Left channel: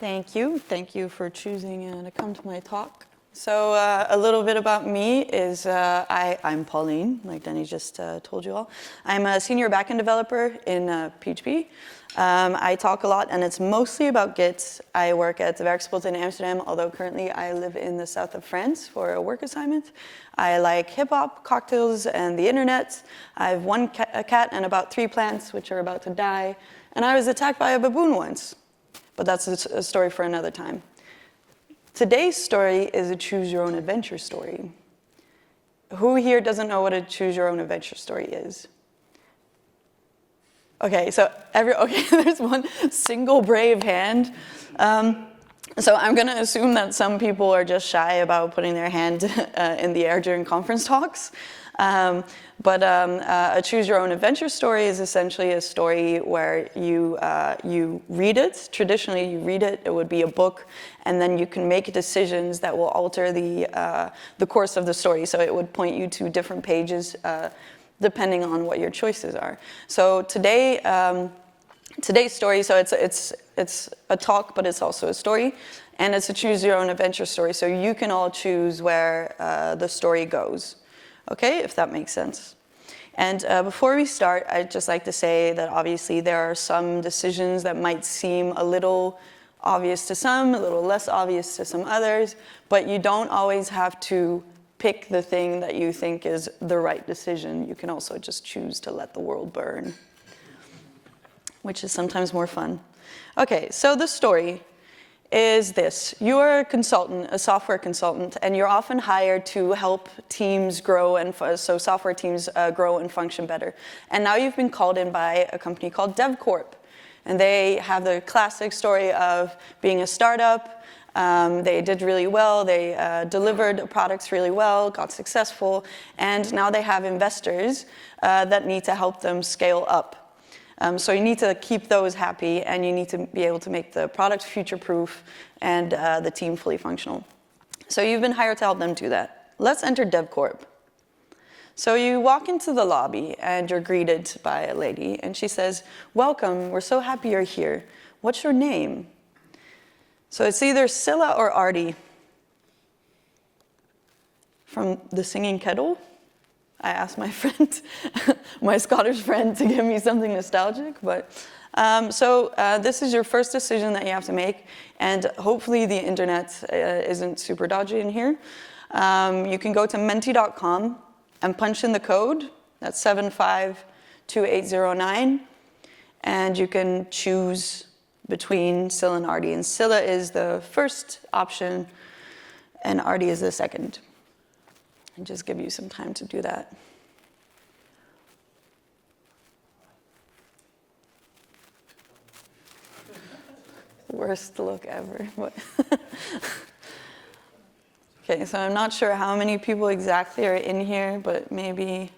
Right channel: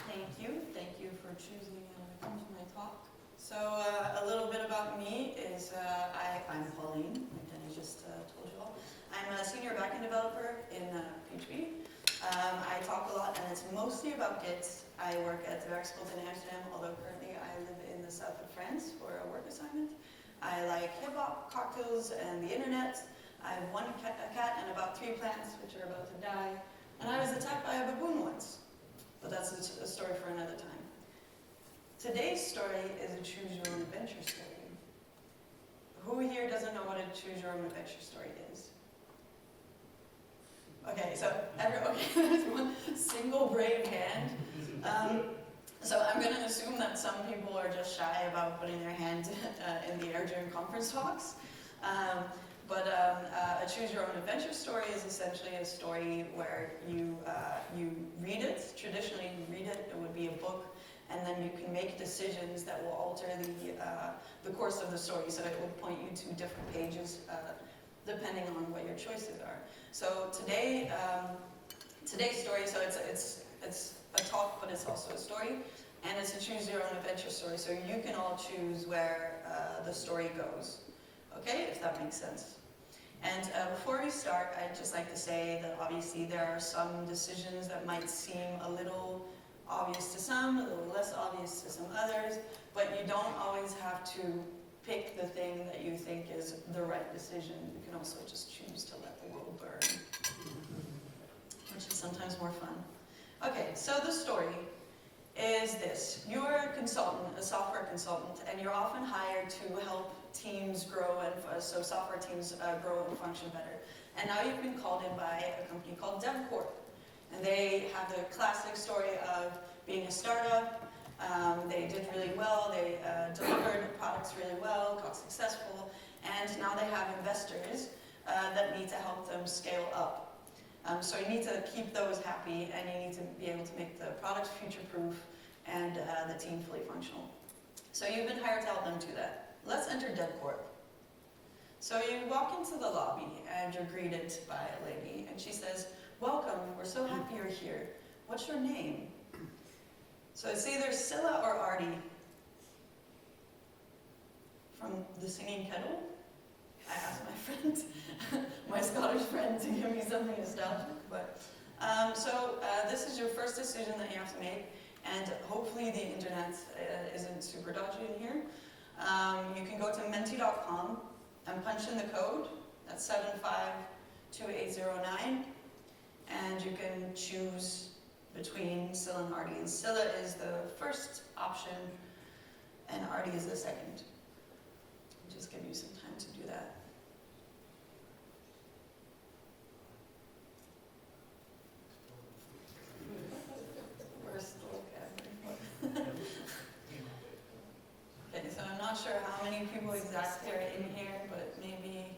Thank you. Thank you for choosing to come to my talk. So a little bit about me is I'm Pauline, like Denny just told you all. I'm a senior backend developer in PHP. I talk a lot, and it's mostly about Git. I work at the DevCorp in Amsterdam, although currently I live in the south of France for a work assignment. I like hip-hop, cocktails, and the internet. I have a cat and about 3 plants, which are about to die. And I was attacked by a baboon once. But that's a story for another time. Today's story is a choose-your-own-adventure story. Who here doesn't know what a choose-your-own-adventure story is? Okay, so there's one single brave hand. So I'm going to assume that some people are just shy about putting their hand in the air during conference talks. But a choose-your-own-adventure story is essentially a story where you read it. Traditionally, you read it. It would be a book, and then you can make decisions that will alter the course of the story. So it would point you to different pages depending on what your choices are. So today's story, so it's a talk, but it's also a story, and it's a choose-your-own-adventure story. So you can all choose where the story goes. Okay, if that makes sense. And before we start, I'd just like to say that obviously there are some decisions that might seem a little obvious to some, a little less obvious to some others, but you don't always have to pick the thing that you think is the right decision. You can also just choose to let the world burn, which is sometimes more fun. Okay, so the story is this. You are a consultant, a software consultant, and you're often hired to help teams grow, and so software teams grow and function better. And now you've been called in by a company called DevCorp. And they have the classic story of being a startup. They did really well. They delivered products really well, got successful, and now they have investors that need to help them scale up. So you need to keep those happy, and you need to be able to make the product future-proof and the team fully functional. So you've been hired to help them do that. Let's enter DevCorp. So you walk into the lobby, and you're greeted by a lady, and she says, "Welcome, we're so happy you're here. What's your name?" So it's either Scylla or Artie. From The Singing Kettle. I asked my friend, my Scottish friend, to give me something nostalgic. But this is your first decision that you have to make, and hopefully the internet isn't super dodgy in here. You can go to menti.com and punch in the code. That's 752809, and you can choose between Scylla and Artie. And Scylla is the first option, and Artie is the second. And just give you some time to do that. Worst look ever. Okay, so I'm not sure how many people exactly are in here, but maybe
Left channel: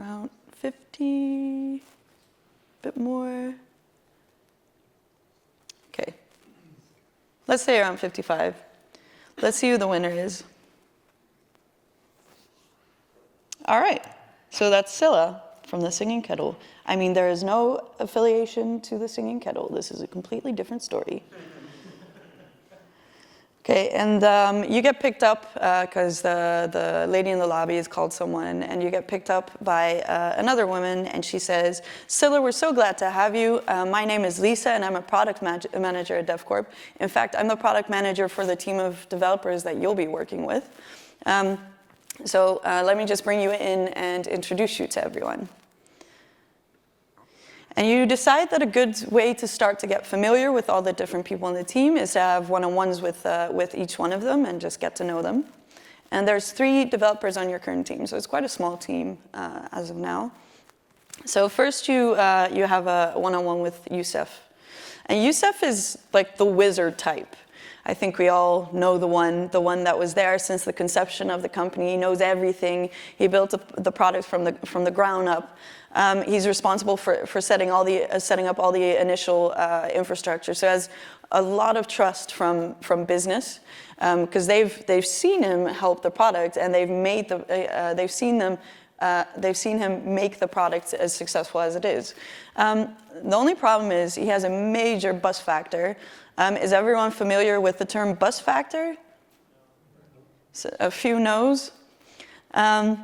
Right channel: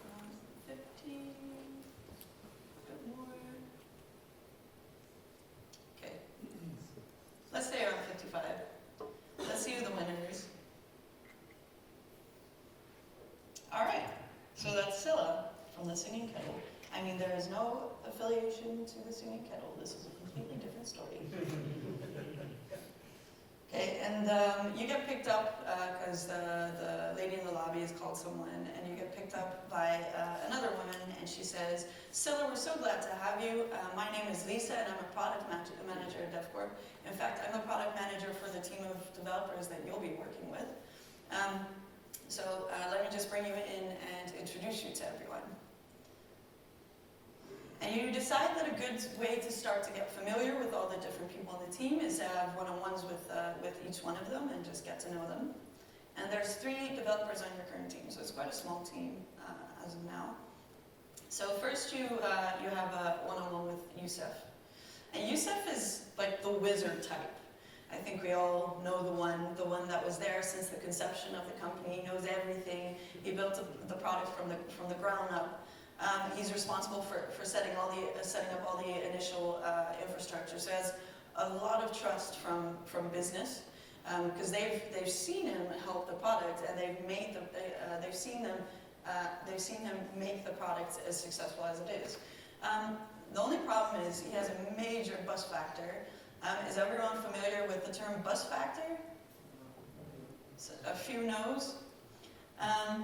around 50, a bit more. Okay, let's say around 55. Let's see who the winner is. All right, so that's Scylla from The Singing Kettle. I mean, there is no affiliation to The Singing Kettle. This is a completely different story. Okay, and you get picked up because the lady in the lobby has called someone, and you get picked up by another woman, and she says, "Scylla, we're so glad to have you. My name is Lisa, and I'm a product manager at DevCorp. In fact, I'm the product manager for the team of developers that you'll be working with. So let me just bring you in and introduce you to everyone." And you decide that a good way to start to get familiar with all the different people on the team is to have one-on-ones with each one of them and just get to know them. And there's 3 developers on your current team, so it's quite a small team as of now. So first you have a one-on-one with Yusef. And Yusef is like the wizard type. I think we all know the one that was there since the conception of the company. He knows everything. He built the product from the ground up. He's responsible for setting up all the initial infrastructure. So he has a lot of trust from business because they've seen him help the product, and they've seen him make the product as successful as it is. The only problem is he has a major bust factor. Is everyone familiar with the term bus factor? So a few no's. So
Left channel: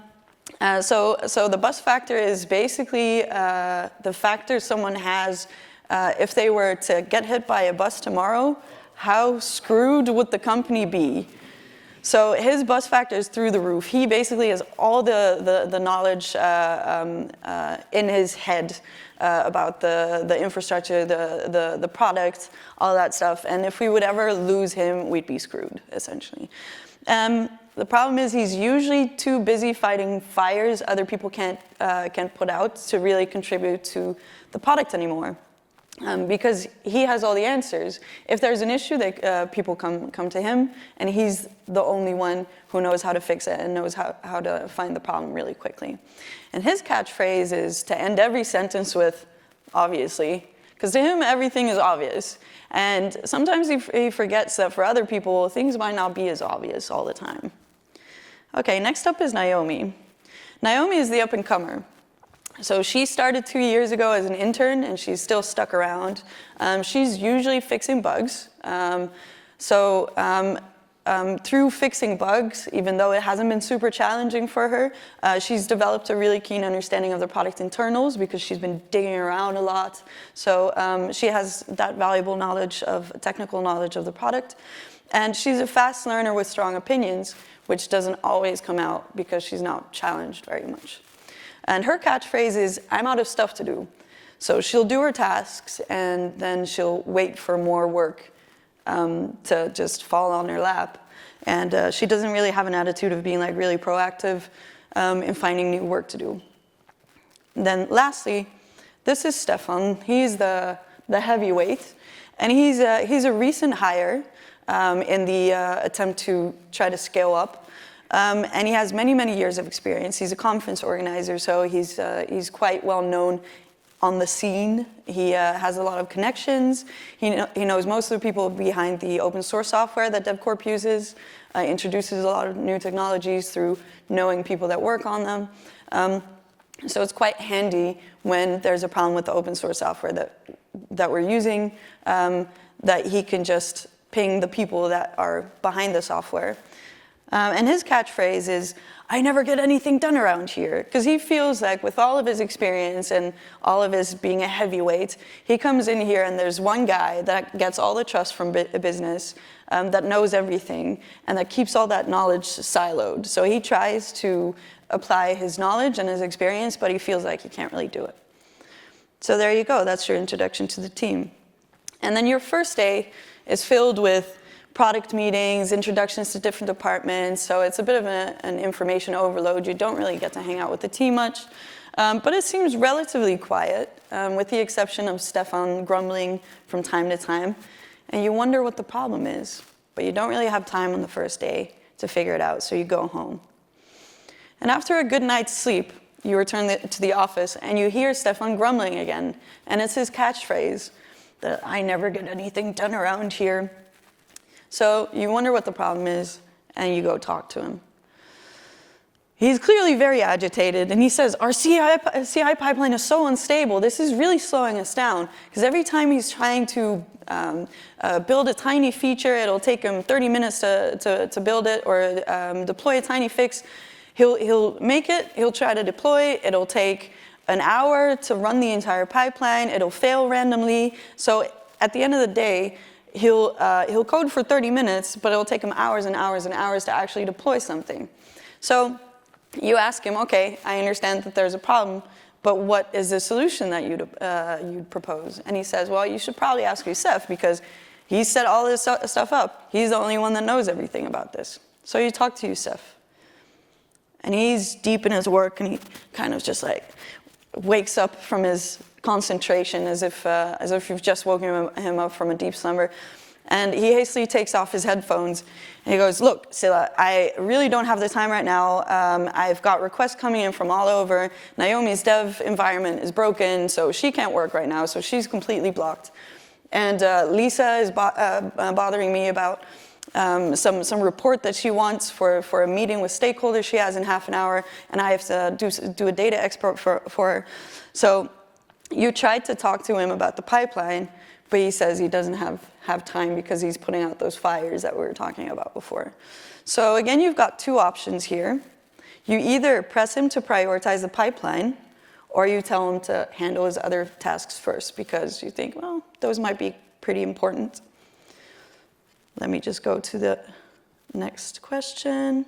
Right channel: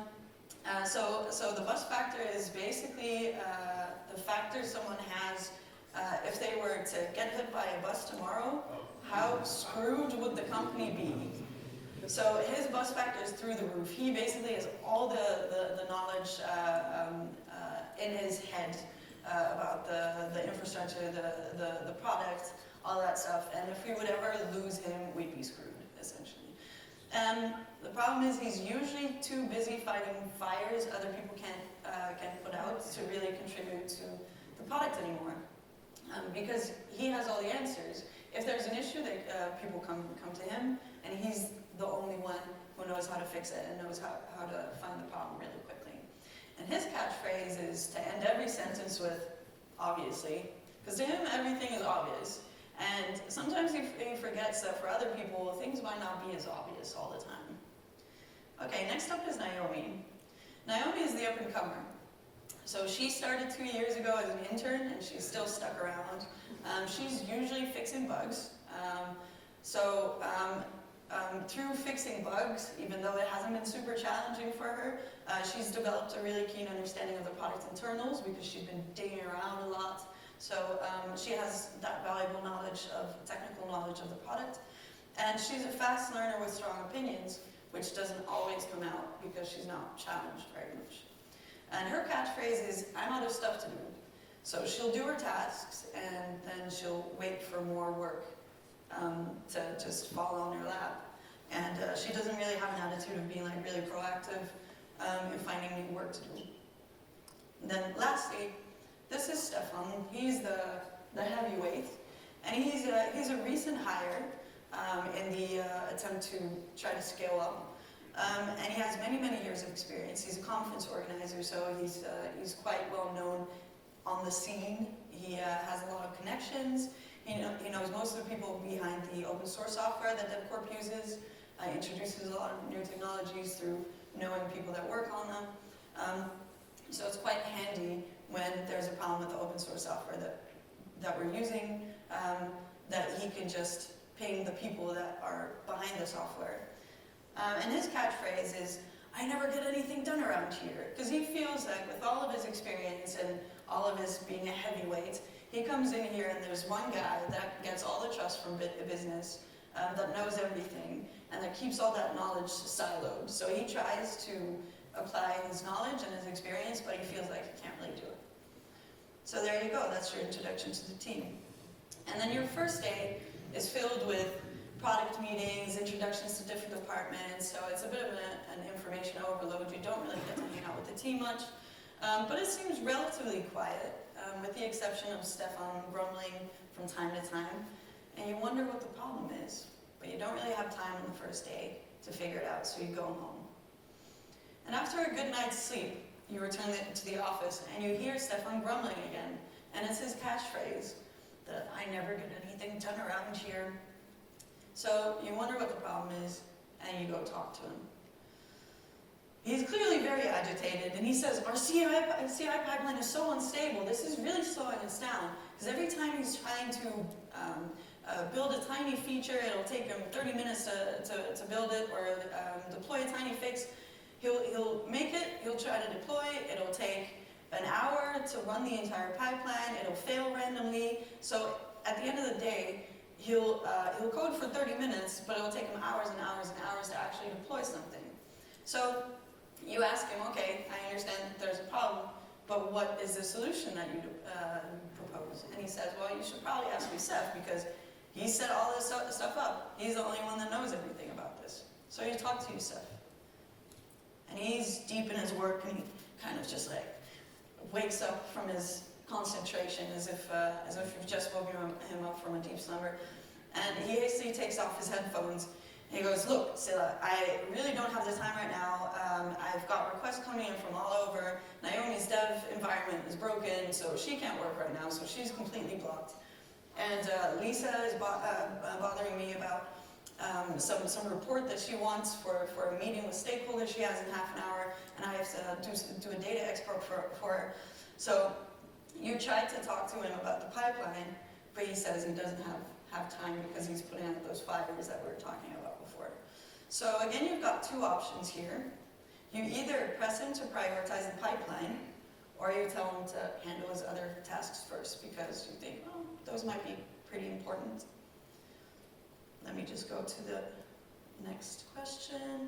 the bus factor is basically the factor someone has if they were to get hit by a bus tomorrow, how screwed would the company be? So his bus factor is through the roof. He basically has all the knowledge in his head about the infrastructure, the product, all that stuff. And if we would ever lose him, we'd be screwed, essentially. The problem is he's usually too busy fighting fires other people can't put out to really contribute to the product anymore. Because he has all the answers. If there's an issue, people come to him, and he's the only one who knows how to fix it and knows how to find the problem really quickly. And his catchphrase is to end every sentence with, obviously, because to him, everything is obvious. And sometimes he forgets that for other people, things might not be as obvious all the time. Okay, next up is Naomi. Naomi is the up-and-comer. So she started 2 years ago as an intern, and she's still stuck around. She's usually fixing bugs. Through fixing bugs, even though it hasn't been super challenging for her, she's developed a really keen understanding of the product internals because she's been digging around a lot. So she has that valuable knowledge technical knowledge of the product. And she's a fast learner with strong opinions, which doesn't always come out because she's not challenged very much. And her catchphrase is, I'm out of stuff to do. So she'll do her tasks, and then she'll wait for more work to just fall on her lap. And she doesn't really have an attitude of being like really proactive in finding new work to do. And then lastly, this is Steffan. He's the heavyweight. And he's a recent hire in the attempt to try to scale up. And he has many, many years of experience. He's a conference organizer, so he's quite well known on the scene. He has a lot of connections. He knows most of the people behind the open source software that DevCorp uses, introduces a lot of new technologies through knowing people that work on them. So it's quite handy when there's a problem with the open source software that we're using, that he can just ping the people that are behind the software. And his catchphrase is, I never get anything done around here. Because he feels like with all of his experience and all of his being a heavyweight, he comes in here and there's one guy that gets all the trust from a business, that knows everything, and that keeps all that knowledge siloed. So he tries to apply his knowledge and his experience, but he feels like he can't really do it. So there you go. That's your introduction to the team. And then your first day is filled with product meetings, introductions to different departments, so it's a bit of an information overload. You don't really get to hang out with the team much, but it seems relatively quiet, with the exception of Steffan grumbling from time to time, and you wonder what the problem is, but you don't really have time on the first day to figure it out, so you go home. And after a good night's sleep, you return to the office, and you hear Steffan grumbling again, and it's his catchphrase, that I never get anything done around here. So you wonder what the problem is, and you go talk to him. He's clearly very agitated, and he says, our CI pipeline is so unstable. This is really slowing us down, because every time he's trying to build a tiny feature, it'll take him 30 minutes to build it, or deploy a tiny fix. He'll make it, he'll try to deploy, it'll take an hour to run the entire pipeline, it'll fail randomly. So at the end of the day, he'll code for 30 minutes, but it'll take him hours and hours and hours to actually deploy something. So you ask him, okay, I understand that there's a problem, but what is the solution that you'd propose? And he says, well, you should probably ask Yusef, because he set all this stuff up. He's the only one that knows everything about this. So you talk to Yusef. And he's deep in his work, and he kind of just like wakes up from his concentration as if you've just woken him up from a deep slumber. And he hastily takes off his headphones and he goes, look, Silla, I really don't have the time right now. I've got requests coming in from all over. Naomi's dev environment is broken, so she can't work right now, so she's completely blocked. And Lisa is bothering me about some report that she wants for a meeting with stakeholders she has in half an hour, and I have to do a data export for her. So you tried to talk to him about the pipeline, but he says he doesn't have have time because he's putting out those fires that we were talking about before. So again, you've got two options here. You either press him to prioritize the pipeline, or you tell him to handle his other tasks first because you think, well, those might be pretty important. Let me just go to the next question.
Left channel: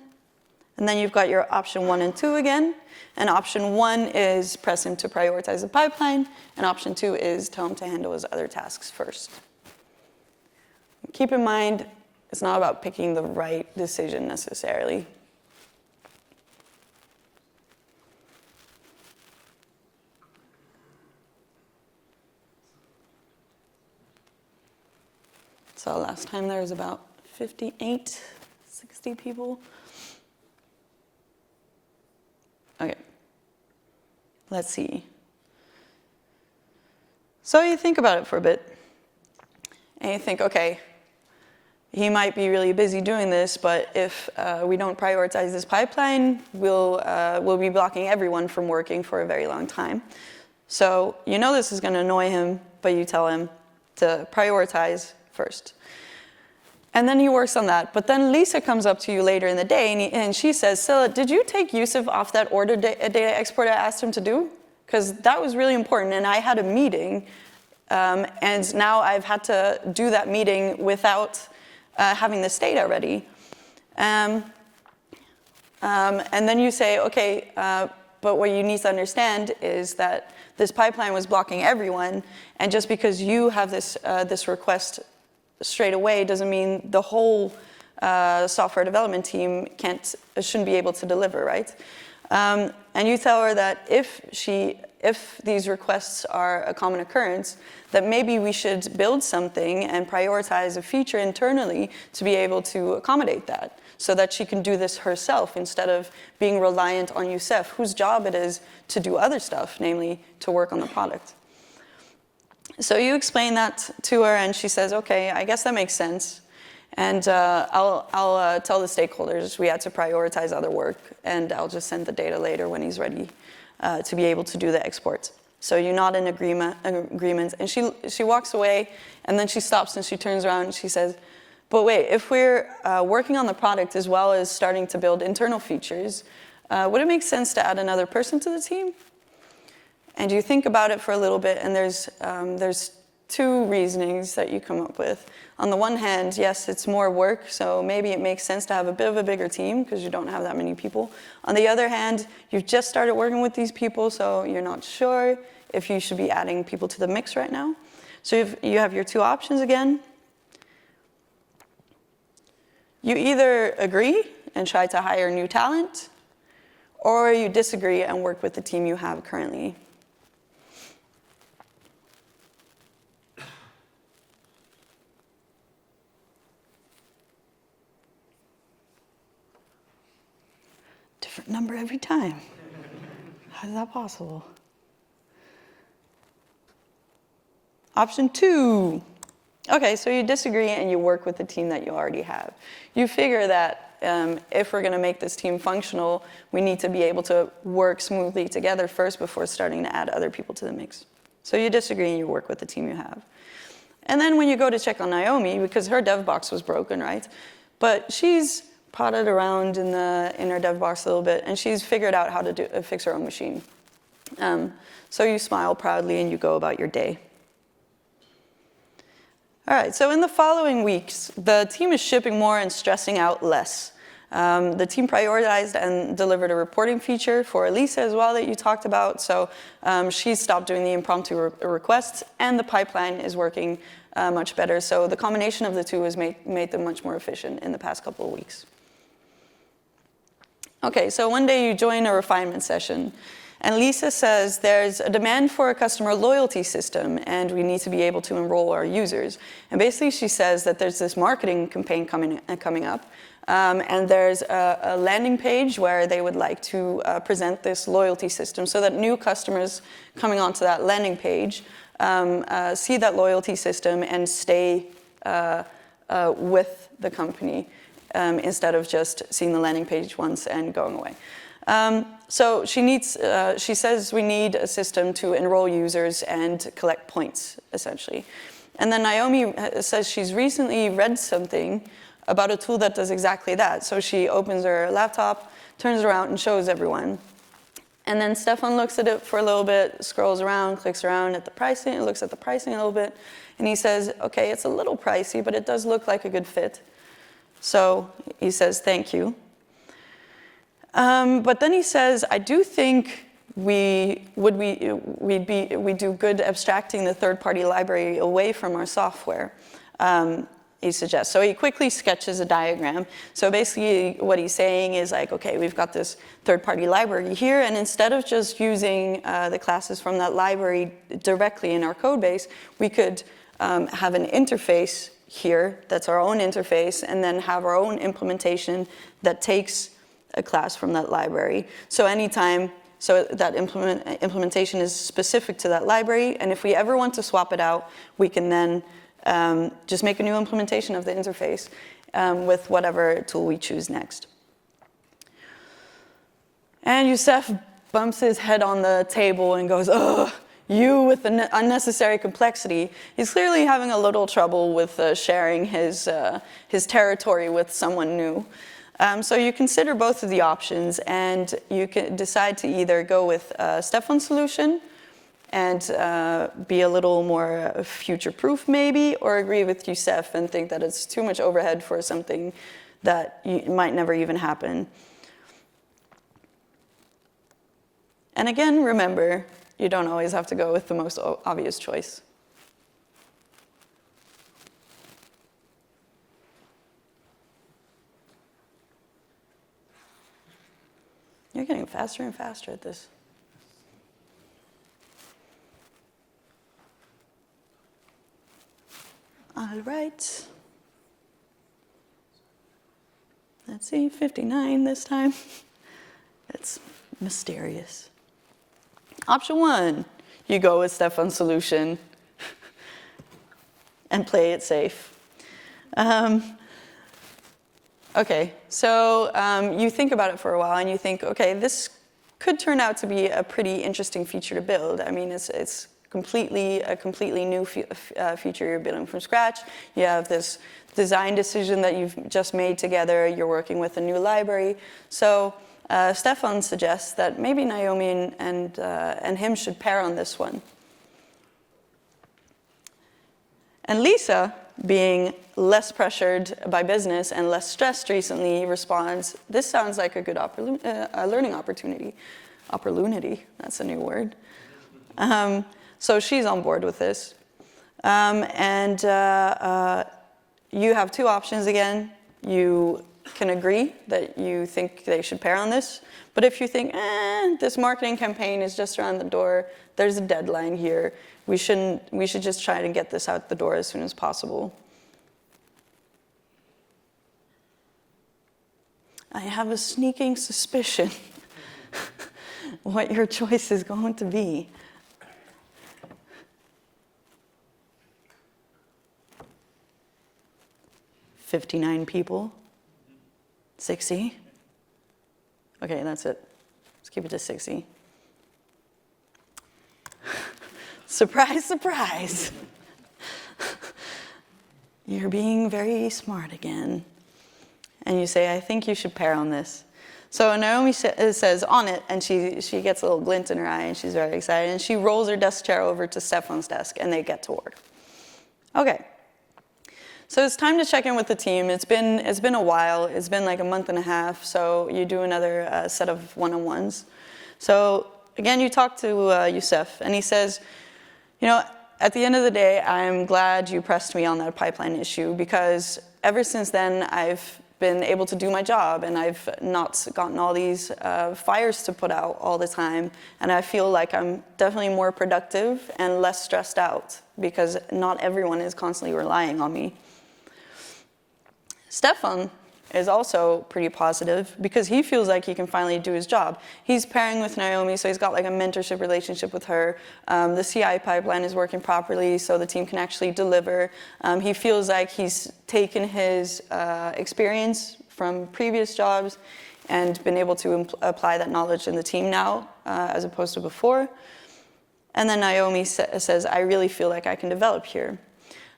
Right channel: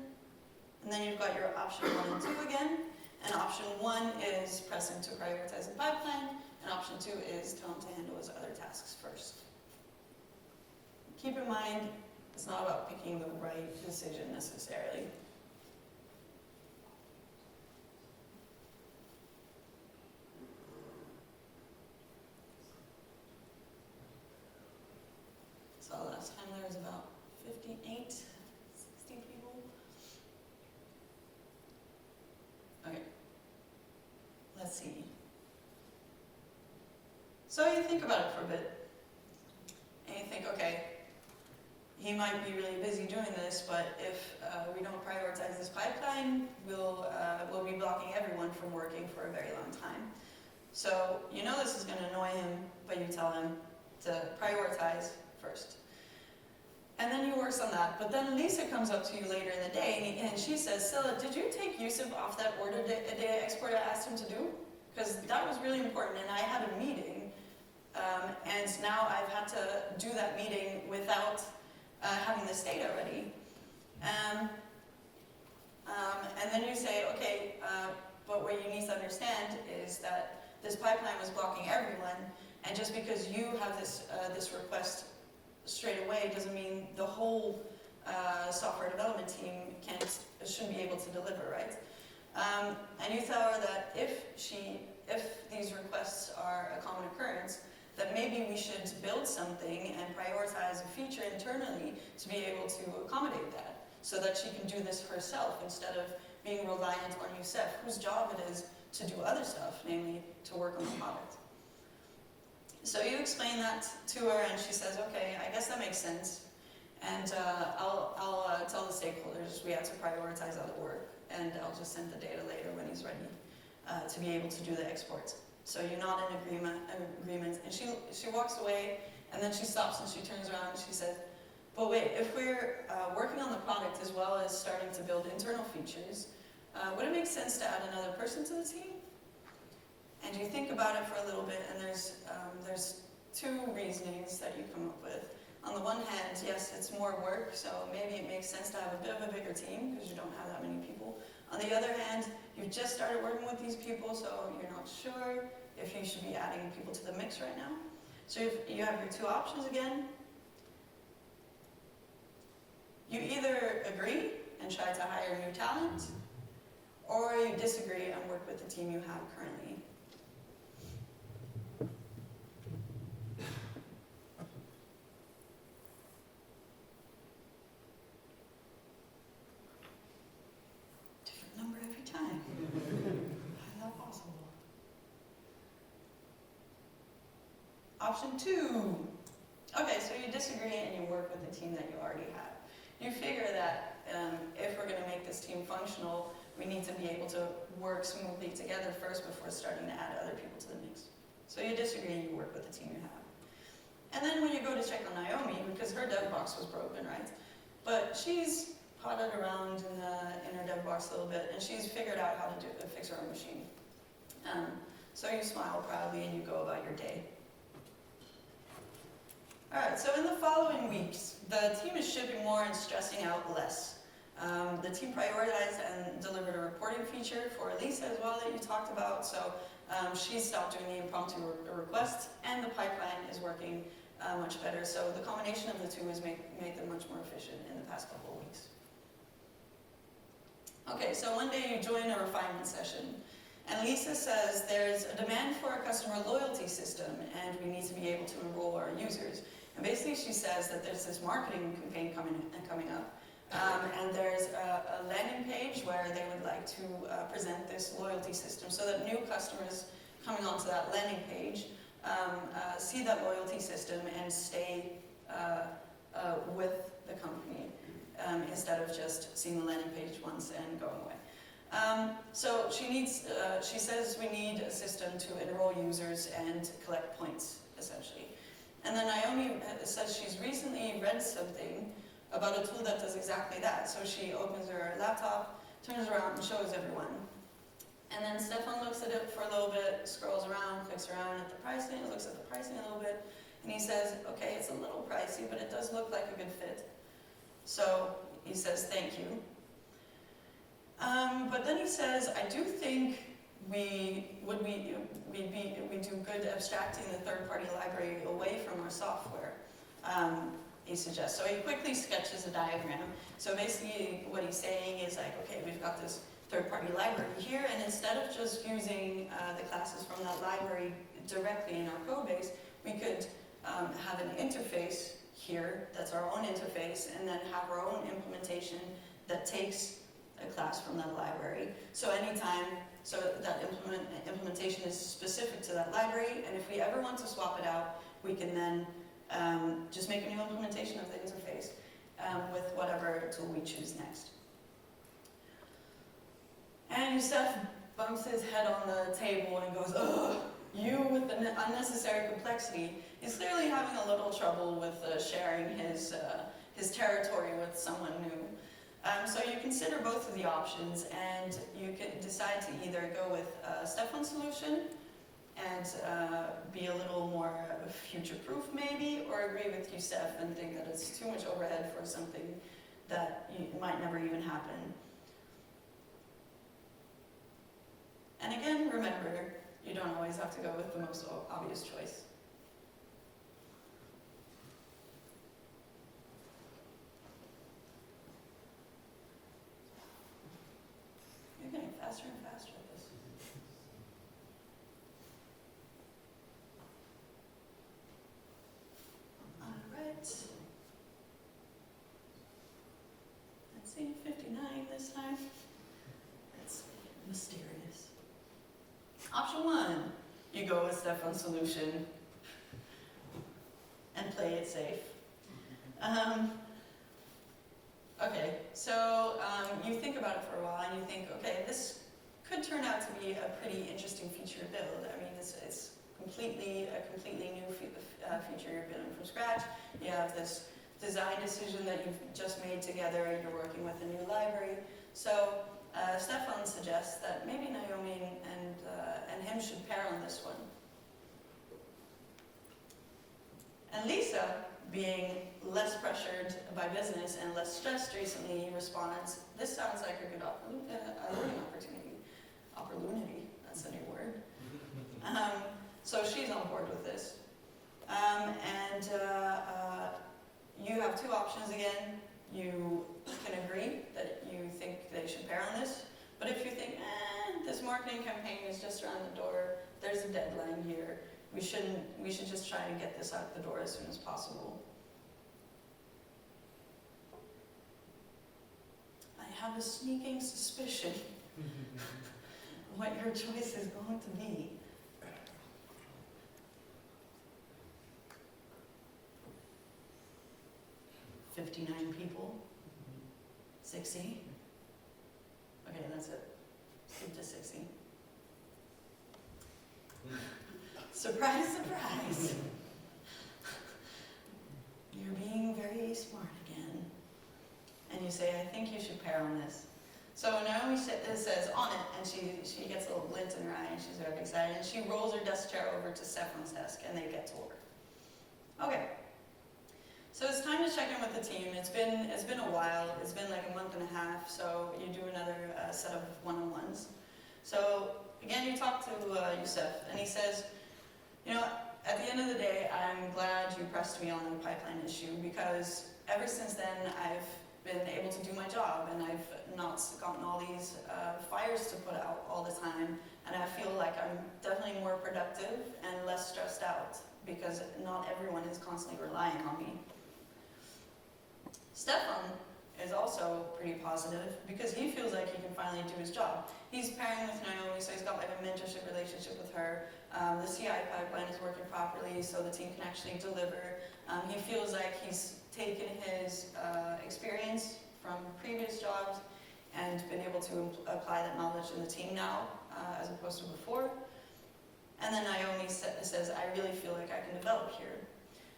And then you've got your option 1 and 2 again. And option 1 is press him to prioritize the pipeline. And option 2 is tell him to handle his other tasks first. Keep in mind, it's not about picking the right decision necessarily. So last time there was about 58, 60 people. Okay, let's see. So you think about it for a bit, and you think, okay, he might be really busy doing this, but if we don't prioritize this pipeline, we'll be blocking everyone from working for a very long time. So you know this is going to annoy him, but you tell him to prioritize first. And then he works on that. But then Lisa comes up to you later in the day and she says, Scylla, did you take Yusef off that order data export I asked him to do? Because that was really important and I had a meeting and now I've had to do that meeting without having this data ready. And then you say, okay, but what you need to understand is that this pipeline was blocking everyone, and just because you have this request straight away doesn't mean the whole software development team shouldn't be able to deliver, right? And you tell her that if these requests are a common occurrence, that maybe we should build something and prioritize a feature internally to be able to accommodate that, so that she can do this herself instead of being reliant on Yusef, whose job it is to do other stuff, namely to work on the product. So you explain that to her, and she says, okay, I guess that makes sense. And I'll tell the stakeholders we had to prioritize other work, and I'll just send the data later when he's ready to be able to do the exports. So you're not in agreement. And she walks away, and then she stops and she turns around and she says, but wait, if we're working on the product as well as starting to build internal features, would it make sense to add another person to the team? And you think about it for a little bit, and there's two reasonings that you come up with. On the one hand, yes, it's more work, so maybe it makes sense to have a bit of a bigger team because you don't have that many people. On the other hand, you've just started working with these people, so you're not sure if you should be adding people to the mix right now. So you have your two options again. You either agree and try to hire new talent, or you disagree and work with the team you have currently. Different number every time. How is that possible? Option 2. Okay, so you disagree and you work with the team that you already have. You figure that if we're going to make this team functional, we need to be able to work smoothly together first before starting to add other people to the mix. So you disagree and you work with the team you have. And then when you go to check on Naomi, because her dev box was broken, right? But she's potted around in her dev box a little bit, and she's figured out how to fix her own machine. So you smile proudly and you go about your day. All right, so in the following weeks, the team is shipping more and stressing out less. The team prioritized and delivered a reporting feature for Lisa as well that you talked about. So she stopped doing the impromptu requests, and the pipeline is working much better. So the combination of the two has made them much more efficient in the past couple of weeks. Okay, so one day you join a refinement session, and Lisa says there's a demand for a customer loyalty system, and we need to be able to enroll our users. And basically she says that there's this marketing campaign coming up, and there's a landing page where they would like to present this loyalty system so that new customers coming onto that landing page see that loyalty system and stay with the company instead of just seeing the landing page once and going away. So she says we need a system to enroll users and collect points, essentially. And then Naomi says she's recently read something about a tool that does exactly that. So she opens her laptop, turns around, and shows everyone. And then Steffan looks at it for a little bit, scrolls around, clicks around at the pricing, looks at the pricing a little bit, and he says, okay, it's a little pricey, but it does look like a good fit. So he says, thank you. But then he says, I do think we do good abstracting the third-party library away from our software, he suggests. So he quickly sketches a diagram. So basically what he's saying is like, okay, we've got this third-party library here, and instead of just using the classes from that library directly in our code base, we could have an interface here that's our own interface, and then have our own implementation that takes a class from that library. So anytime, so that implementation is specific to that library, and if we ever want to swap it out, we can then just make a new implementation of the interface with whatever tool we choose next. And Yusef bumps his head on the table and goes, ugh, you with the unnecessary complexity. He's clearly having a little trouble with sharing his territory with someone new. So you consider both of the options, and you can decide to either go with Steffan's solution and be a little more future-proof maybe, or agree with Yusef and think that it's too much overhead for something that might never even happen. And again, remember, you don't always have to go with the most obvious choice. You're getting faster and faster at this. All right. Let's see, 59 this time. It's mysterious. Option 1, you go with Steffan's solution and play it safe. Okay, so you think about it for a while and you think, okay, this could turn out to be a pretty interesting feature to build. I mean, it's a completely new feature you're building from scratch. You have this design decision that you've just made together. You're working with a new library. So Steffan suggests that maybe Naomi and him should pair on this one. And Lisa, being less pressured by business and less stressed recently, responds, this sounds like a good learning opportunity. Opportunity, that's a new word. So she's on board with this. You have two options again. You can agree that you think they should pair on this, but if you think, this marketing campaign is just around the door, there's a deadline here, we should just try to get this out the door as soon as possible. I have a sneaking suspicion what your choice is going to be. $59 people. 60. Okay, that's it. Let's keep it to 60. Surprise, surprise. You're being very smart again. And you say, I think you should pair on this. So Naomi says on it, and she gets a little glint in her eye, and she's very excited. And she rolls her desk chair over to Steffan's desk, and they get to work. Okay. So it's time to check in with the team. It's been a while. It's been like a month and a half. So you do another set of one-on-ones. So again, you talk to Yusef, and he says, at the end of the day, I'm glad you pressed me on that pipeline issue, because ever since then, I've been able to do my job, and I've not gotten all these fires to put out all the time, and I feel like I'm definitely more productive and less stressed out, because not everyone is constantly relying on me. Steffan is also pretty positive because he feels like he can finally do his job. He's pairing with Naomi, so he's got like a mentorship relationship with her. The CI pipeline is working properly, so the team can actually deliver. He feels like he's taken his experience from previous jobs and been able to apply that knowledge in the team now, as opposed to before. And then Naomi says, I really feel like I can develop here.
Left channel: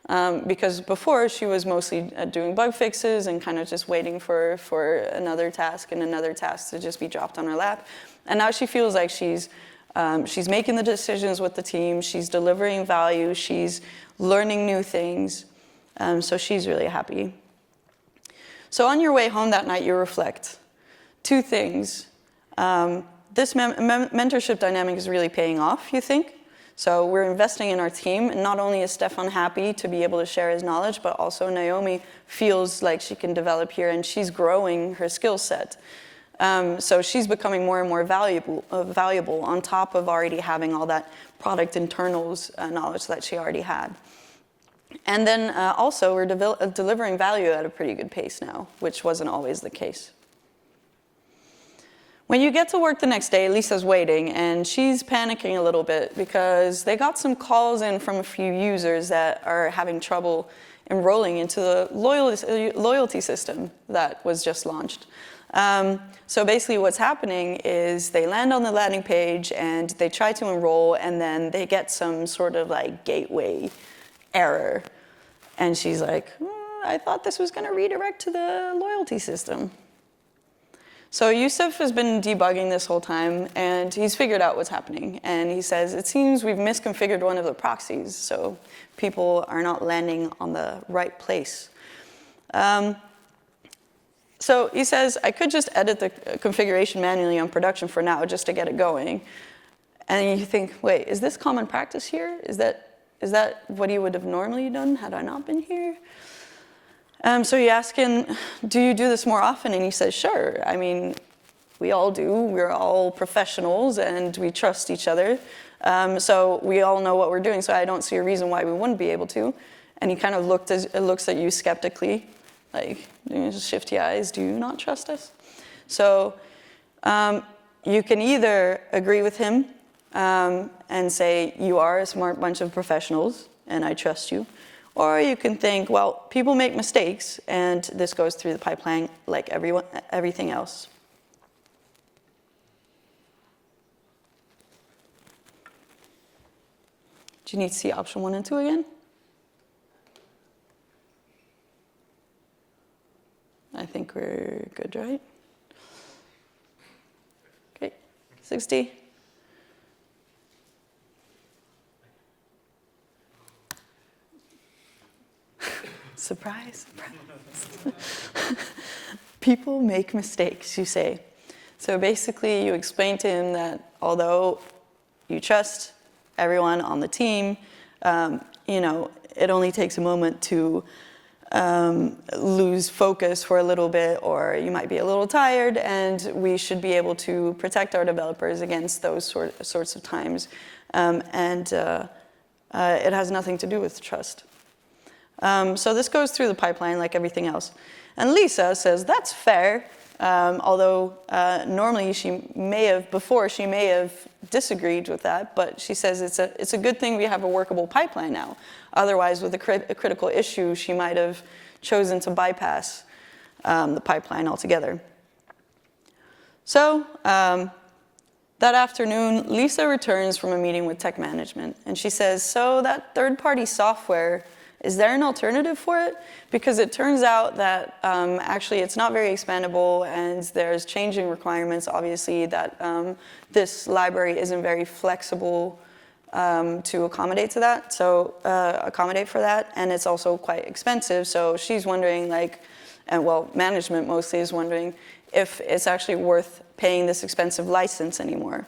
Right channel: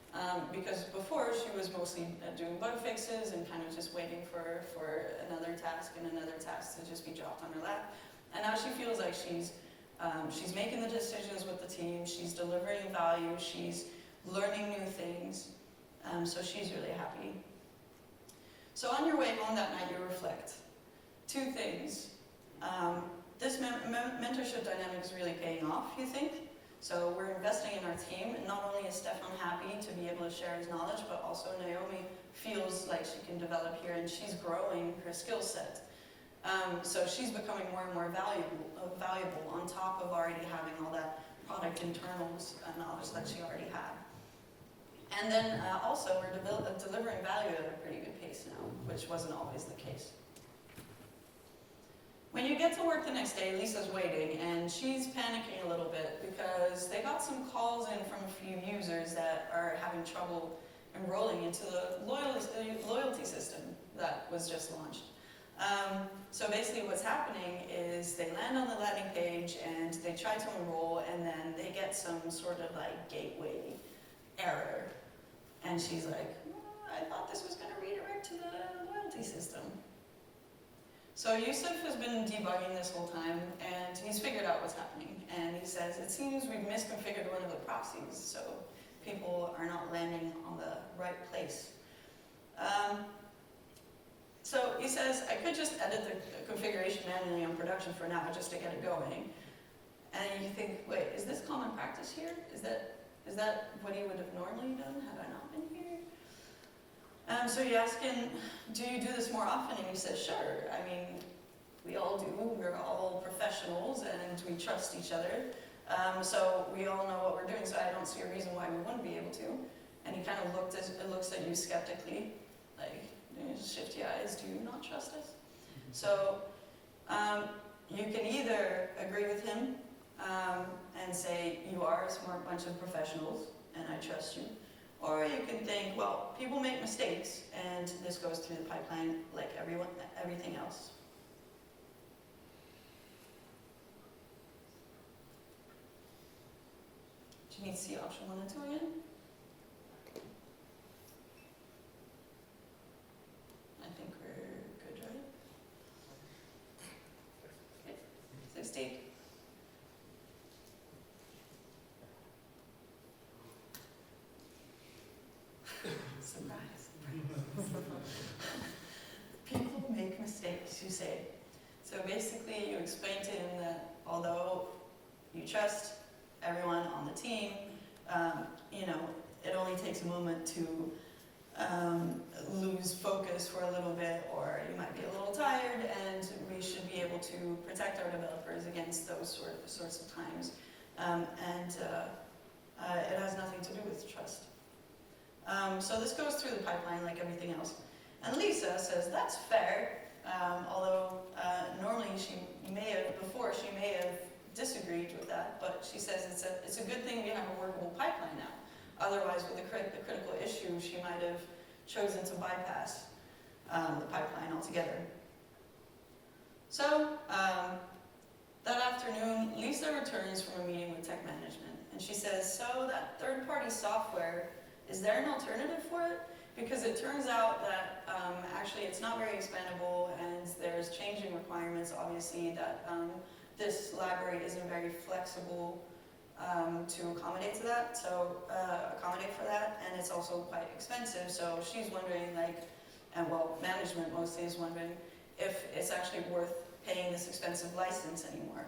Because before she was mostly doing bug fixes and kind of just waiting for another task and another task to just be dropped on her lap. And now she feels like she's making the decisions with the team, she's delivering value, she's learning new things. So she's really happy. So on your way home that night, you reflect. Two things. This mentorship dynamic is really paying off, you think? So we're investing in our team, and not only is Steffan happy to be able to share his knowledge, but also Naomi feels like she can develop here, and she's growing her skill set. So she's becoming more and more valuable on top of already having all that product internals knowledge that she already had. And then also we're delivering value at a pretty good pace now, which wasn't always the case. When you get to work the next day, Lisa's waiting, and she's panicking a little bit because they got some calls in from a few users that are having trouble enrolling into the loyalty system that was just launched. So basically what's happening is they land on the landing page and they try to enroll, and then they get some sort of like gateway error. And she's like, I thought this was going to redirect to the loyalty system. So Yusef has been debugging this whole time, and he's figured out what's happening. And he says, it seems we've misconfigured one of the proxies, so people are not landing on the right place. So he says, I could just edit the configuration manually on production for now, just to get it going. And you think, wait, is this common practice here? Is that what he would have normally done had I not been here? So you ask him, do you do this more often? And he says, sure. I mean, we all do. We're all professionals and we trust each other. So we all know what we're doing. So I don't see a reason why we wouldn't be able to. And he kind of looks at you skeptically, like, shifty eyes, do you not trust us? So you can either agree with him and say, you are a smart bunch of professionals and I trust you. Or you can think, well, people make mistakes, and this goes through the pipeline like everything else. Do you need to see option 1 and 2 again? I think we're good, right? Okay, 60. Surprise, surprise. People make mistakes, you say. So basically, you explain to him that although you trust everyone on the team, it only takes a moment to lose focus for a little bit, or you might be a little tired, and we should be able to protect our developers against those sorts of times. It has nothing to do with trust. So this goes through the pipeline like everything else. And Lisa says, that's fair, although normally she may have disagreed with that, but she says it's a good thing we have a workable pipeline now. Otherwise, with a critical issue, she might have chosen to bypass the pipeline altogether. So that afternoon, Lisa returns from a meeting with tech management, and she says, so that third-party software, is there an alternative for it? Because it turns out that actually it's not very expandable, and there's changing requirements, obviously, that this library isn't very flexible to accommodate for that, and it's also quite expensive. So she's wondering, management mostly is wondering if it's actually worth paying this expensive license anymore.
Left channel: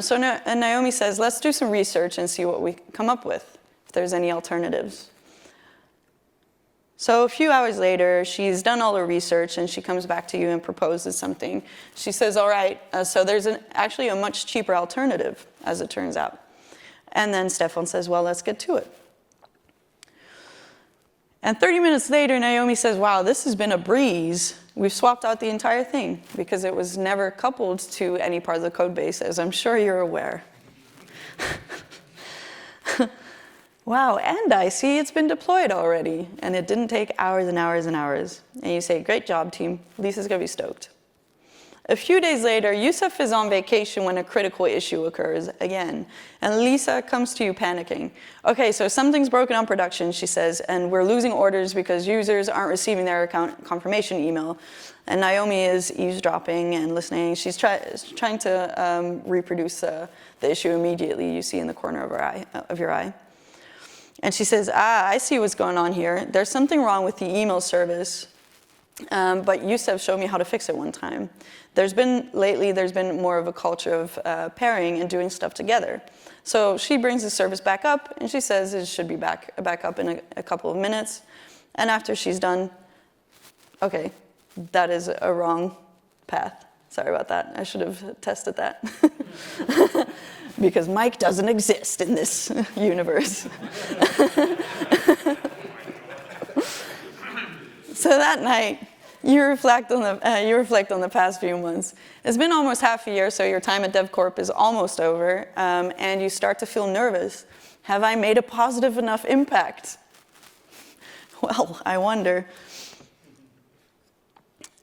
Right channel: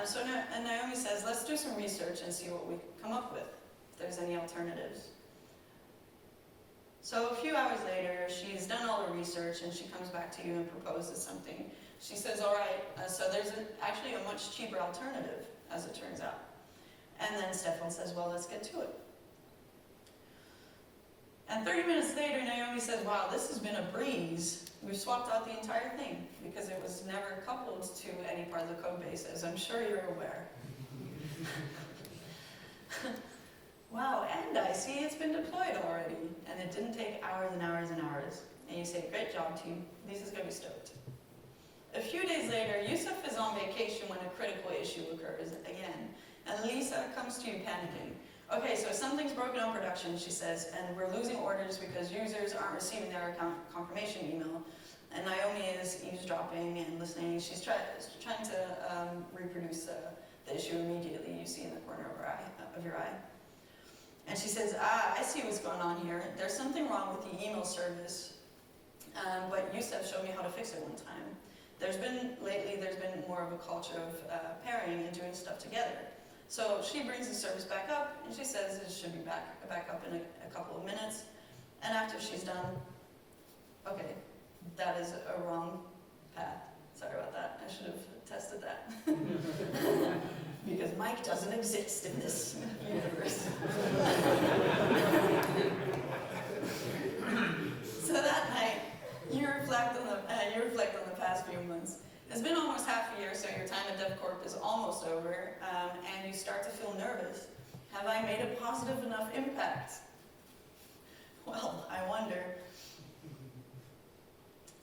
So Naomi says, let's do some research and see what we come up with, if there's any alternatives. So a few hours later, she's done all her research, and she comes back to you and proposes something. She says, all right, so there's actually a much cheaper alternative, as it turns out. And then Steffan says, well, let's get to it. And 30 minutes later, Naomi says, wow, this has been a breeze. We've swapped out the entire thing because it was never coupled to any part of the code base, as I'm sure you're aware. Wow, and I see it's been deployed already, and it didn't take hours and hours and hours. And you say, great job, team. Lisa's going to be stoked. A few days later, Yusef is on vacation when a critical issue occurs again, and Lisa comes to you panicking. Okay, so something's broken on production, she says, and we're losing orders because users aren't receiving their account confirmation email. And Naomi is eavesdropping and listening. She's trying to reproduce the issue immediately, you see in the corner of your eye. And she says, I see what's going on here. There's something wrong with the email service, but Yusef showed me how to fix it one time. Lately, there's been more of a culture of pairing and doing stuff together. So she brings the service back up, and she says it should be back up in a couple of minutes. And after she's done, okay, that is a wrong path. Sorry about that. I should have tested that. Because Mike doesn't exist in this universe. So that night, you reflect on the past few months. It's been almost half a year, so your time at DevCorp is almost over, and you start to feel nervous. Have I made a positive enough impact? Well, I wonder.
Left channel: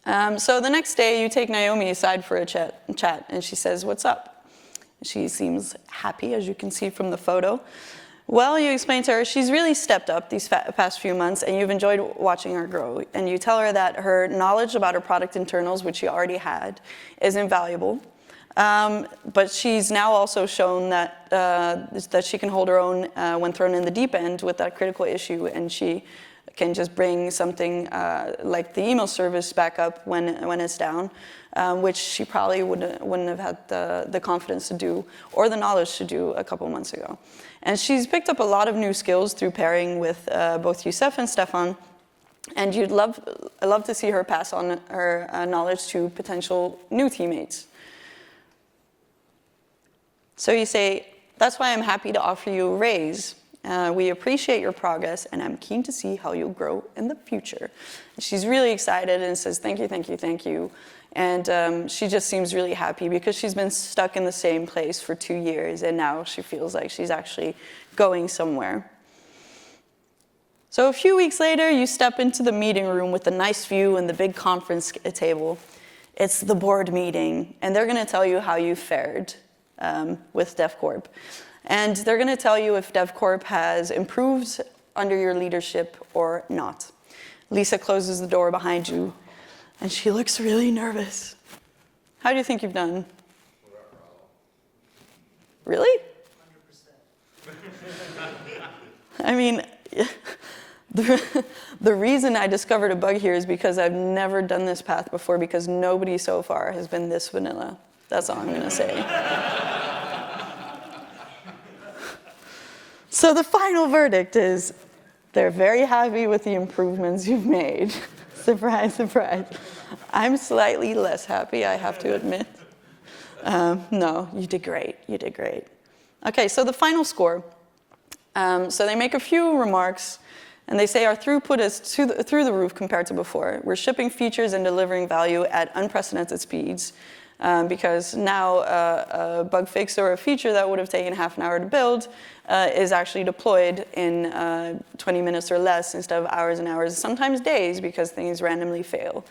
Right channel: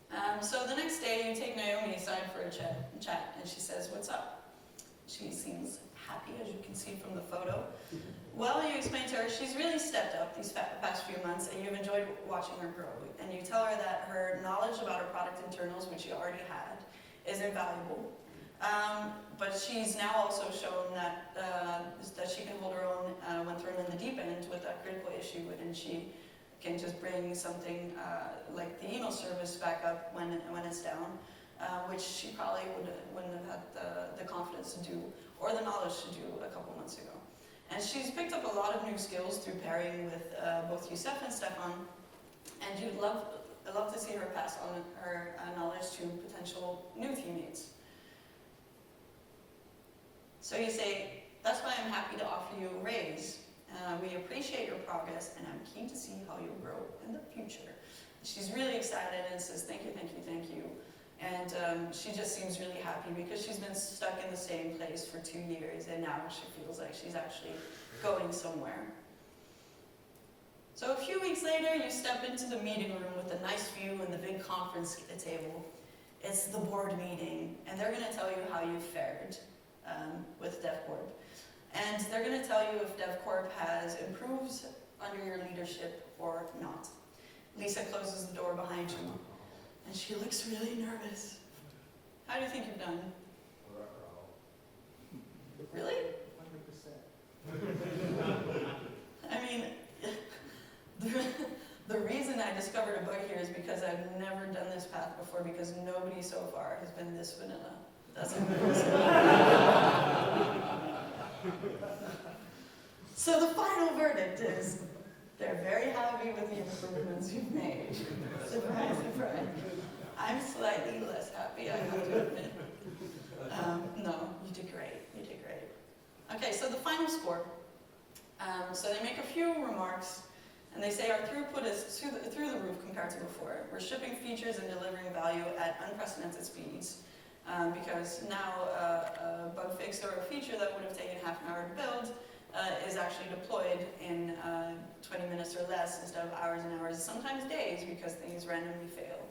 So the next day, you take Naomi aside for a chat, and she says, "What's up?" She seems happy, as you can see from the photo. Well, you explain to her she's really stepped up these past few months, and you've enjoyed watching her grow. And you tell her that her knowledge about her product internals, which she already had, is invaluable. But she's now also shown that she can hold her own when thrown in the deep end with that critical issue, and she can just bring something like the email service back up when it's down, which she probably wouldn't have had the confidence to do or the knowledge to do a couple months ago. And she's picked up a lot of new skills through pairing with both Yusef and Steffan, and I'd love to see her pass on her knowledge to potential new teammates. So you say, "That's why I'm happy to offer you a raise. We appreciate your progress, and I'm keen to see how you'll grow in the future." And she's really excited and says, "Thank you, thank you, thank you." And she just seems really happy because she's been stuck in the same place for 2 years, and now she feels like she's actually going somewhere. So a few weeks later, you step into the meeting room with the nice view and the big conference table. It's the board meeting, and they're going to tell you how you fared with DevCorp. And they're going to tell you if DevCorp has improved under your leadership or not. Lisa closes the door behind you, and she looks really nervous. How do you think you've done? Really? 100%. I mean, the reason I discovered a bug here is because I've never done this path before, because nobody so far has been this vanilla. That's all I'm going to say. So the final verdict is they're very happy with the improvements you've made. Surprise, surprise. I'm slightly less happy, I have to admit. No, you did great. You did great. Okay, so the final score. So they make a few remarks, and they say our throughput is through the roof compared to before. We're shipping features and delivering value at unprecedented speeds, because now a bug fix or a feature that would have taken half an hour to build is actually deployed in 20 minutes or less instead of hours and hours, sometimes days, because things randomly fail.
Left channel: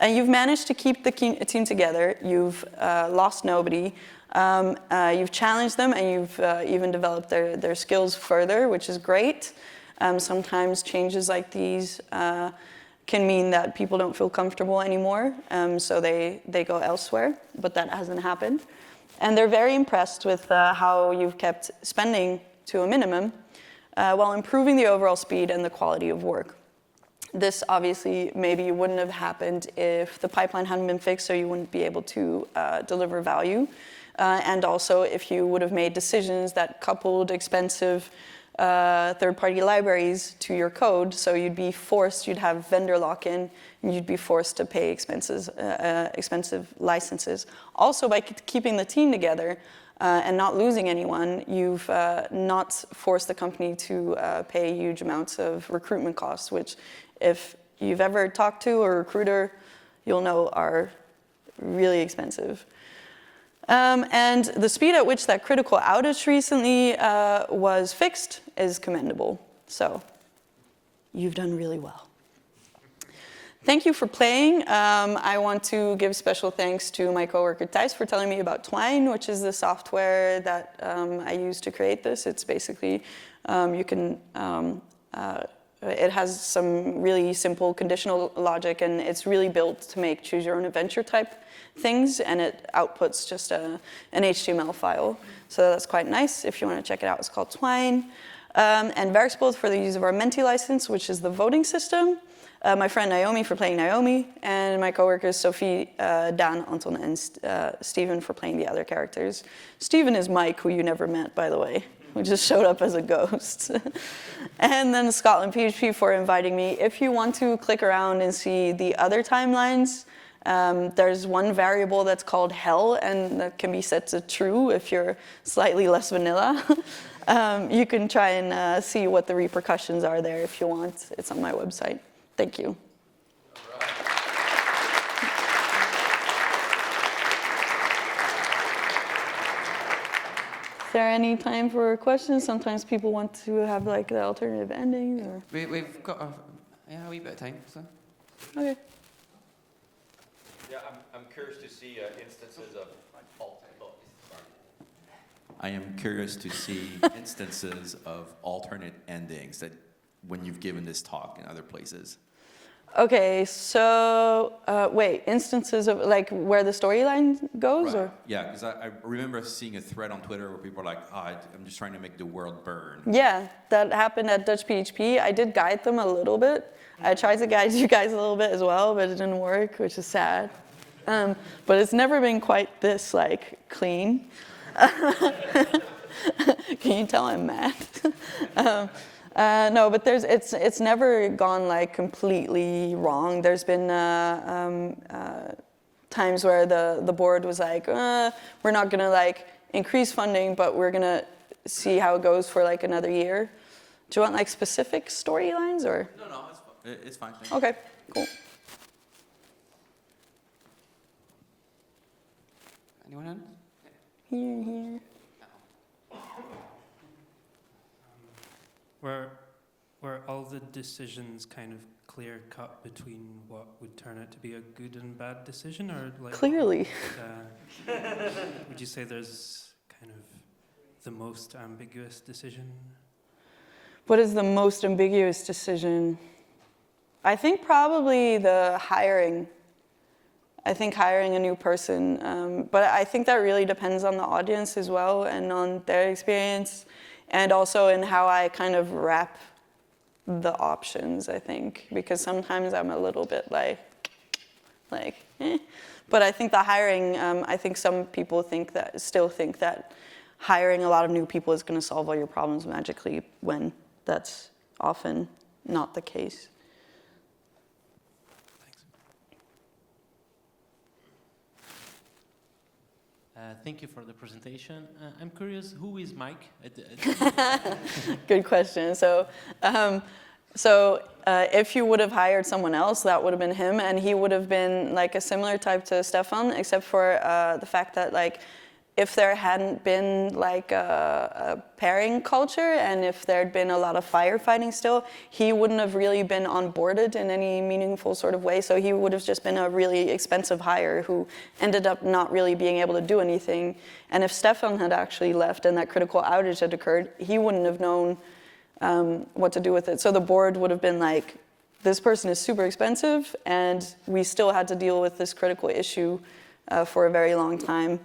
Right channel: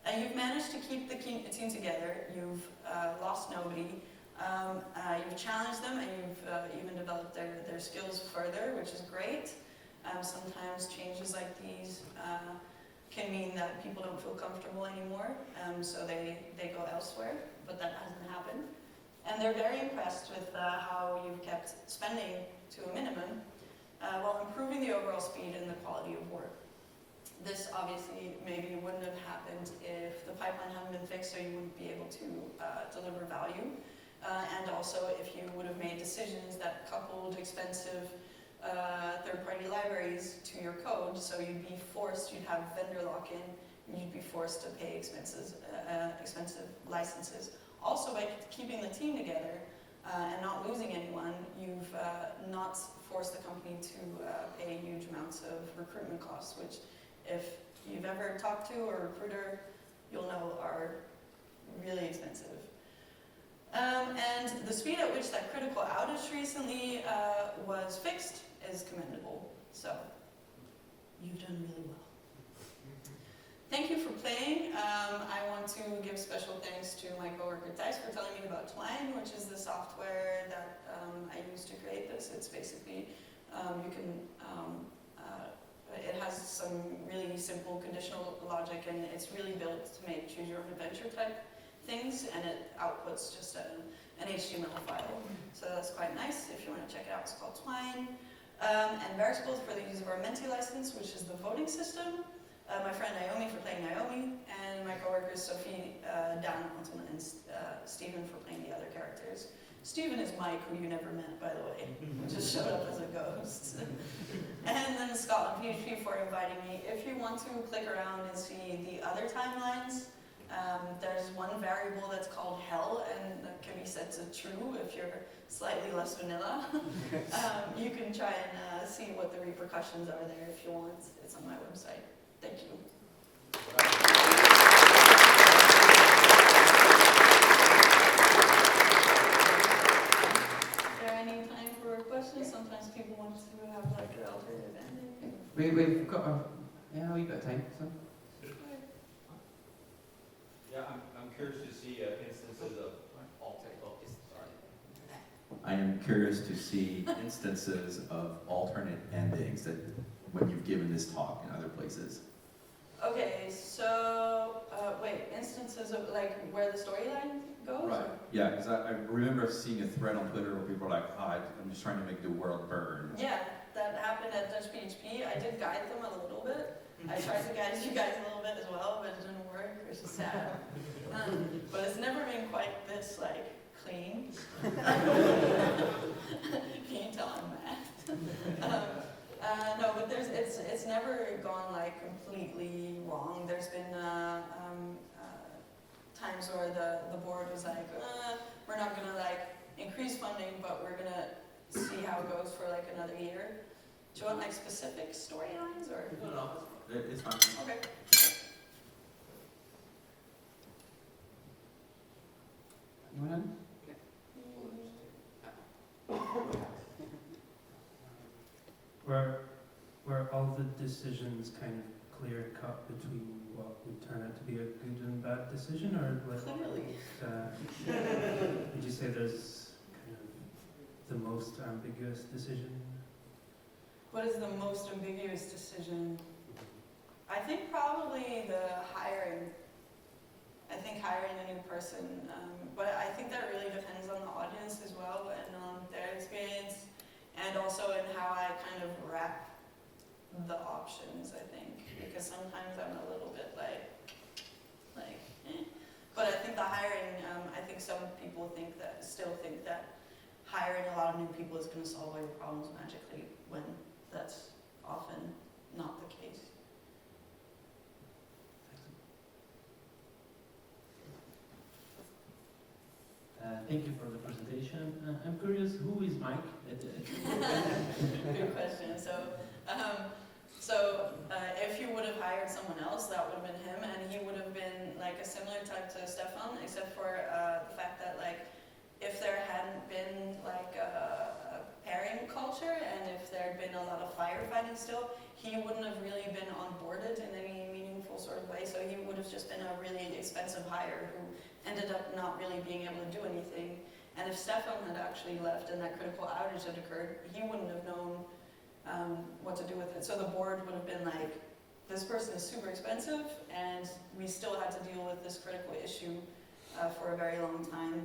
And you've managed to keep the team together. You've lost nobody. You've challenged them, and you've even developed their skills further, which is great. Sometimes changes like these can mean that people don't feel comfortable anymore, so they go elsewhere, but that hasn't happened. And they're very impressed with how you've kept spending to a minimum while improving the overall speed and the quality of work. This obviously maybe wouldn't have happened if the pipeline hadn't been fixed, so you wouldn't be able to deliver value. And also if you would have made decisions that coupled expensive third-party libraries to your code, so you'd have vendor lock-in, and you'd be forced to pay expensive licenses. Also, by keeping the team together and not losing anyone, you've not forced the company to pay huge amounts of recruitment costs, which if you've ever talked to a recruiter, you'll know are really expensive. And the speed at which that critical outage recently was fixed is commendable. So you've done really well. Thank you for playing. I want to give special thanks to my coworker Thijs for telling me about Twine, which is the software that I use to create this. It's basically, it has some really simple conditional logic, and it's really built to make choose your own adventure type things, and it outputs just an HTML file. So that's quite nice. If you want to check it out, it's called Twine. And Werkspot for the use of our Menti license, which is the voting system. My friend Naomi for playing Naomi, and my coworkers Sophie, Dan, Anton, and Stephen for playing the other characters. Stephen is Mike, who you never met, by the way, who just showed up as a ghost. And then ScotlandPHP for inviting me. If you want to click around and see the other timelines, there's one variable that's called hell, and that can be set to true if you're slightly less vanilla. You can try and see what the repercussions are there if you want. It's on my website. Thank you. Is there any time for questions? Sometimes people want to have like the alternative ending. Or... We've got a wee bit of time. So. Okay. Yeah, I'm curious to see instances of I am curious to see instances of alternate endings that when you've given this talk in other places. Okay, so wait, instances of like where the storyline goes, Right. or Yeah, because I remember seeing a thread on Twitter where people were like, I'm just trying to make the world burn. yeah, that happened at Dutch PHP. I did guide them a little bit. I tried to guide you guys a little bit as well, but it didn't work, which is sad. But it's never been quite this like clean. Can you tell I'm mad? No, but it's never gone like completely wrong. There's been times where the board was like, we're not gonna like increase funding, but we're gonna see how it goes for like another year. Do you want like specific storylines or? No, it's fine. Okay, cool. Anyone else? Here. Were all the decisions kind of clear cut between what would turn out to be a good and bad decision, or like Clearly. Would you say there's kind of the most ambiguous decision? What is the most ambiguous decision? I think probably the hiring. I think hiring a new person, but I think that really depends on the audience as well and on their experience, and also in how I kind of wrap the options, I think, because sometimes I'm a little bit like eh. But I think the hiring, I think some people still think that hiring a lot of new people is going to solve all your problems magically, when that's often not the case. Thank you for the presentation. I'm curious, who is Mike? Good question. So if you would have hired someone else, that would have been him, and he would have been like a similar type to Steffan, except for the fact that like if there hadn't been like a pairing culture, and if there'd been a lot of firefighting still, he wouldn't have really been onboarded in any meaningful sort of way. So he would have just been a really expensive hire who ended up not really being able to do anything. And if Steffan had actually left and that critical outage had occurred, he wouldn't have known what to do with it. So the board would have been like, this person is super expensive, and we still had to deal with this critical issue for a very long time.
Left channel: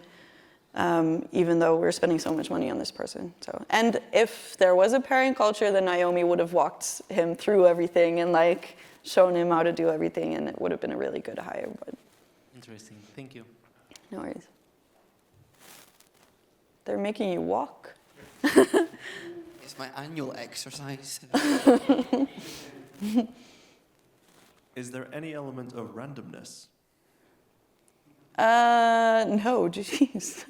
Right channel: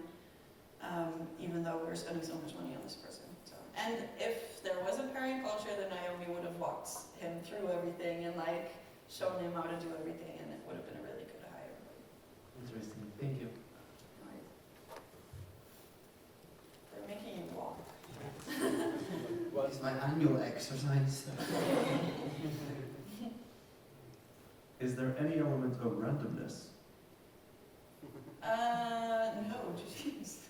Even though we're spending so much money on this person. So, and if there was a pairing culture, then Naomi would have walked him through everything and like shown him how to do everything, and it would have been a really good hire. But Interesting. Thank you. no worries. They're making you walk. Was my annual exercise. Is there any element of randomness? No, jeez.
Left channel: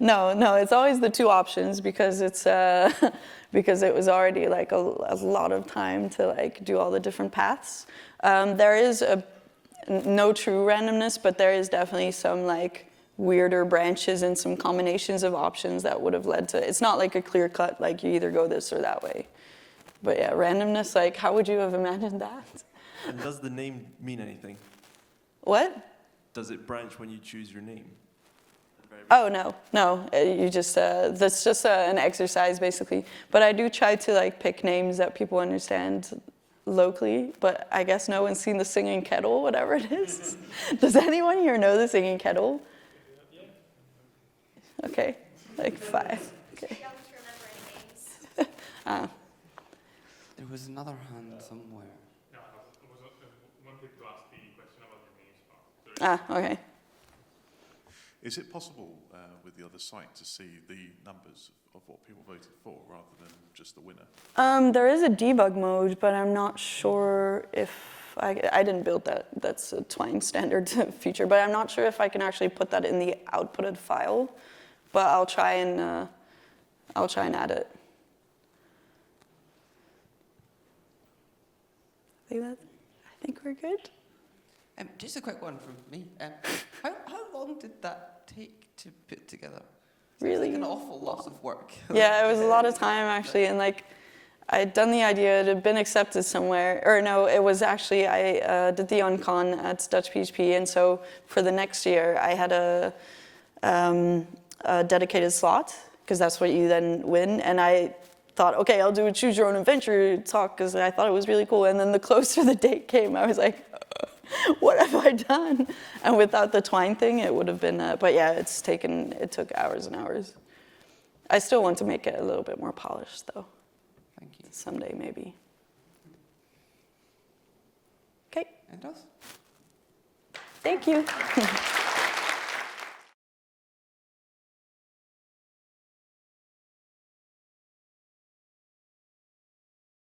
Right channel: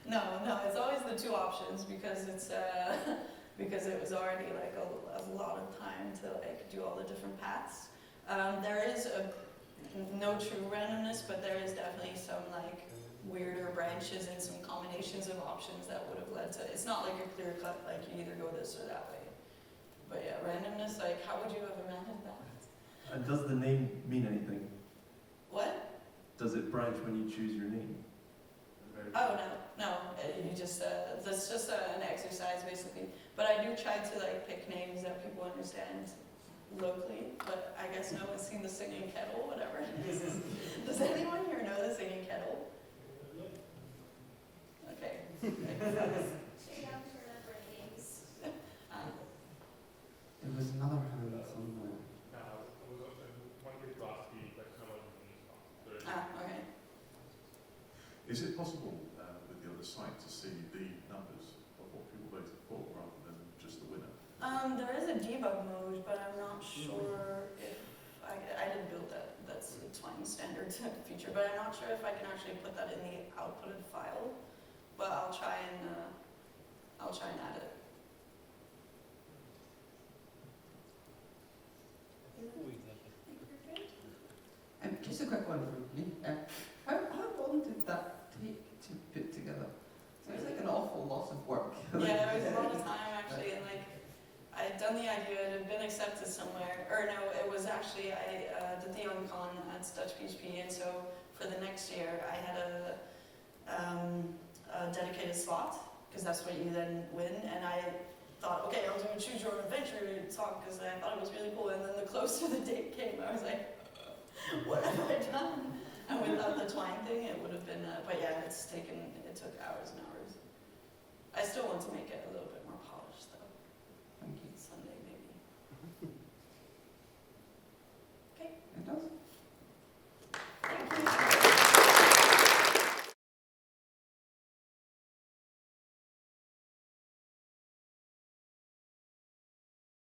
No, it's always the two options, because it's because it was already like a lot of time to like do all the different paths. There is no true randomness, but there is definitely some like weirder branches and some combinations of options that would have led to, it's not like a clear cut, like you either go this or that way. But yeah, randomness, like how would you have imagined that? And does the name mean anything? What? Does it branch when you choose your name? Oh, no. You just, that's just an exercise basically. But I do try to like pick names that people understand locally, but I guess no one's seen the Singing Kettle, whatever it is. Does anyone here know the Singing Kettle? Okay, like 5. Okay. There was another hand somewhere. I was also wanted to ask the question about the names. Okay. Is it possible with the other site to see the numbers of what people voted for rather than just the winner? There is a debug mode, but I'm not sure if I didn't build that. That's a Twine standard feature, but I'm not sure if I can actually put that in the outputted file. But I'll try and add it. I think we're good. Just a quick one from me. How long did that take to put together? Really? It's like an awful lot of work. Yeah, it was a lot of time actually, and like I'd done the idea, it had been accepted somewhere, or no, it was actually I did the on-con at Dutch PHP, and so for the next year I had a dedicated slot because that's what you then win, and I thought, okay, I'll do a choose your own adventure talk because I thought it was really cool, and then the closer the date came, I was like, what have I done? And without the Twine thing, it would have been, but yeah, it took hours and hours. I still want to make it a little bit more polished though. Thank you. Someday maybe. Okay. It does. Thank you.